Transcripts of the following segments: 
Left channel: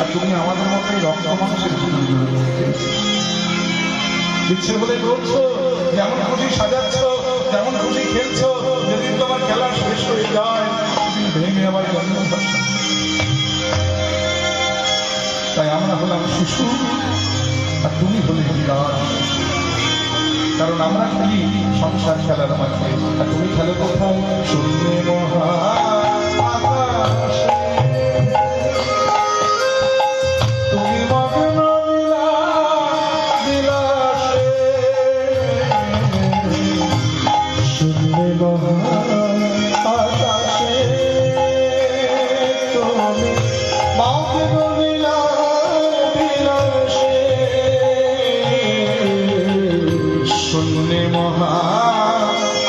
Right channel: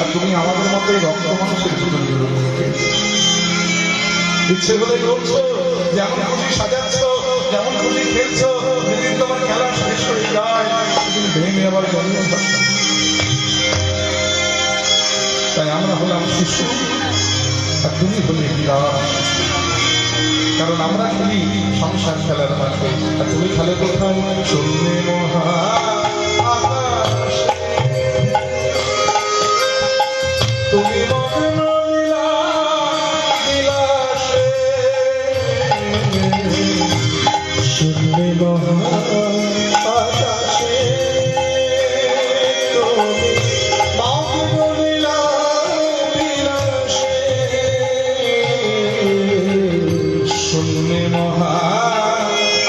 আর তুমি আমাদের মতো রক্ত মানুষের জীবনগুলো ইচ্ছে বলে করছো, যেমন খুশি সাজাচ্ছ, যেমন খুশি খেলছো, যেদিন তোমার খেলা শেষ হয়ে যায় সেদিন ভেঙে আবার জন্ম বসে। তাই আমরা হলাম শিশু আর তুমি হলে বিরাট, কারণ আমরা খেলি সংসার খেলার মাঠে আর তুমি খেলে কোথায়? শূন্যে মহা তুমি মগ্ন বিলাসে, শূন্যে মহা আকাশে তুমি মগ্ন বিলাসে, শূন্যে মহা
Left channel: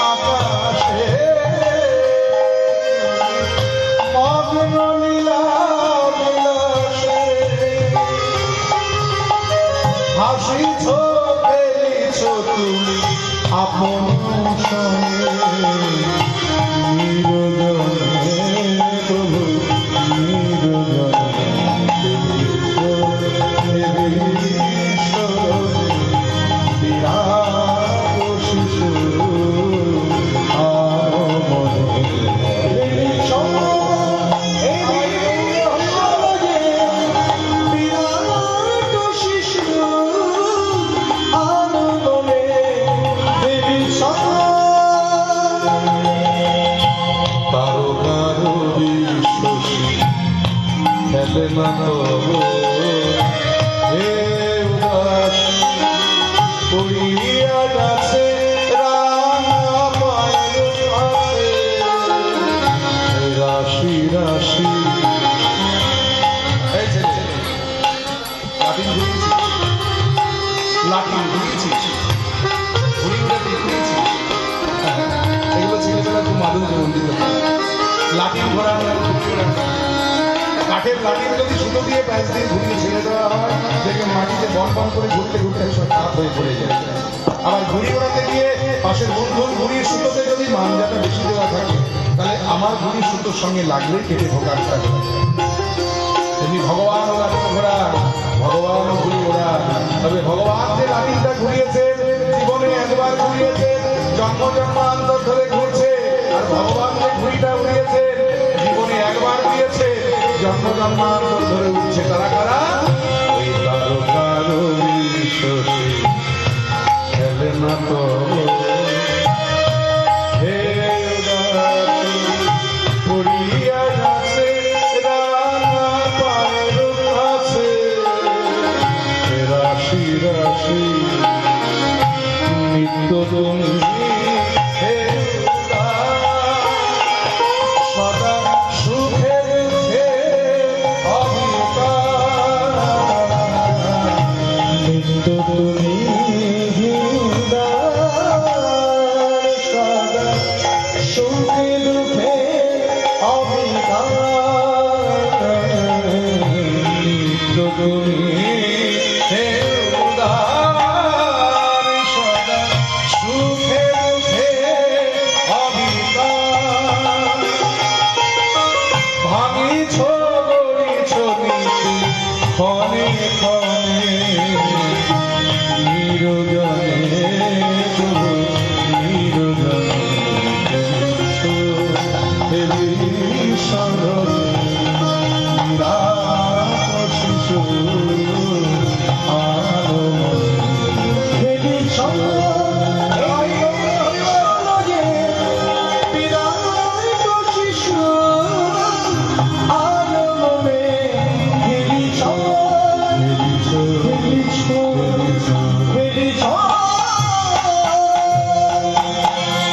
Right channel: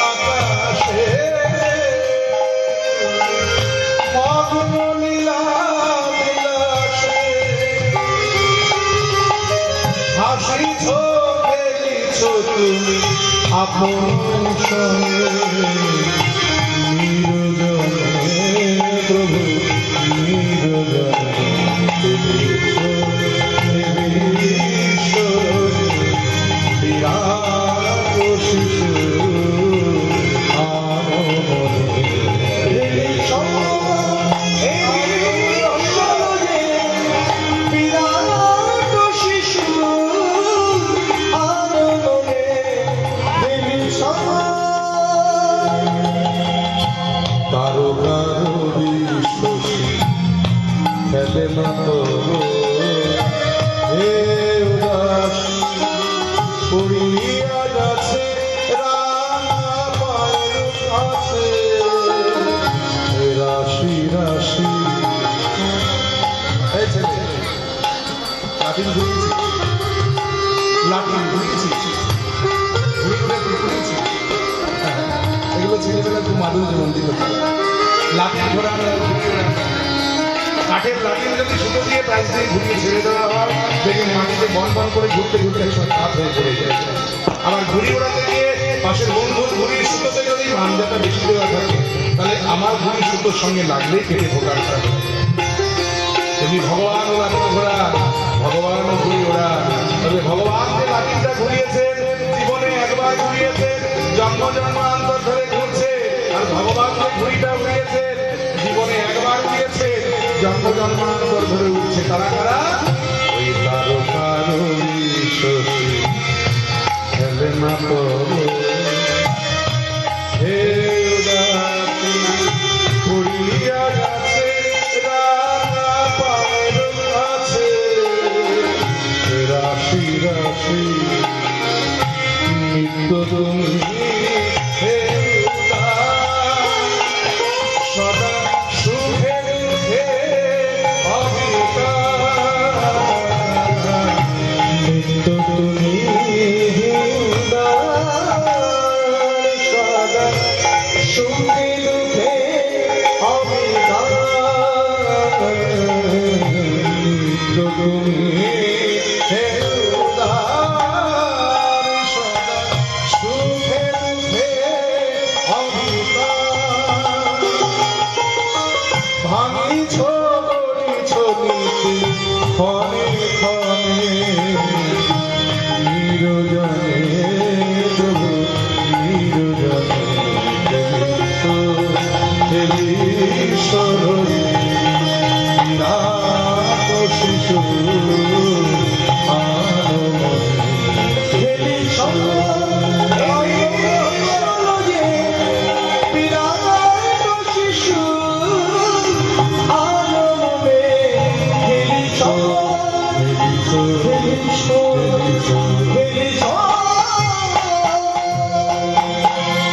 আকাশে মগ্ন বিলাসে হাসিছ খেলিছ তুমি আপন সঙ্গে নিরজনে প্রভু নিরজনে বিরাট শিশু রাশি রাশি লাঠিন ঘুরিয়েছি, লাঠিন ঘুরিয়েছি, এগুলো ছেলেবেলা খুব মাধুর্য মন্দির লাঠিন ঘোরা আমরা কাঠের লাঠির যদি সুতো দিয়ে প্যাঁচ দিয়ে ঘুরিয়ে ছেড়ে দেওয়া হয়, দেখে মাটিতে বন বন করে ঘুরতে ঘুরতে সব খাপ হয়ে পড়ে যায়। আবার ঘুড়ি ওড়াতে গিয়ে পাশের বন্ধুর ঘুড়ির সুতোতে যদি মাঞ্জাটা বেশি দেওয়া থাকে, তাহলে আমার ঘুড়ি সুতোর সঙ্গে লাগলেই কেটে ঢোকার থাকে। তুমি ভগবান ও লাঠিন ঘোড়া, ভগবান ও ঘুড়ি ওড়া, তবে ভগবান যে লাঠিনটা ঘুরিয়েছেন জীবনে একবার ঘুরিয়েছেন, জন্ম জন্মান্তর ধরে ঘুরছে, আর ভগবান যে ঘুড়িটা উড়িয়েছেন জীবনে একবার উড়িয়েছে, জন্ম জন্মান্তর ধরে উঠছে। কারা কারা? ওই কারো কারো শশী খেলে না তো হে ঘুরিয়া গেছে রাঙা পায়ের কাছে, রাশি রাশি নিত্য তুমি হে সদা সুখে দুঃখে অবিকার, নিত্য তুমি সদা সুখে দুঃখে অবিকার, নিত্য তুমি হে সদা সুখে দুঃখে অবিকার, ভাঙিছ গড়িছ নীতি ক্ষণে ক্ষণে নিরজনে প্রভু নিরজনে ঈশ্বরে বিরাট শিশু Baby,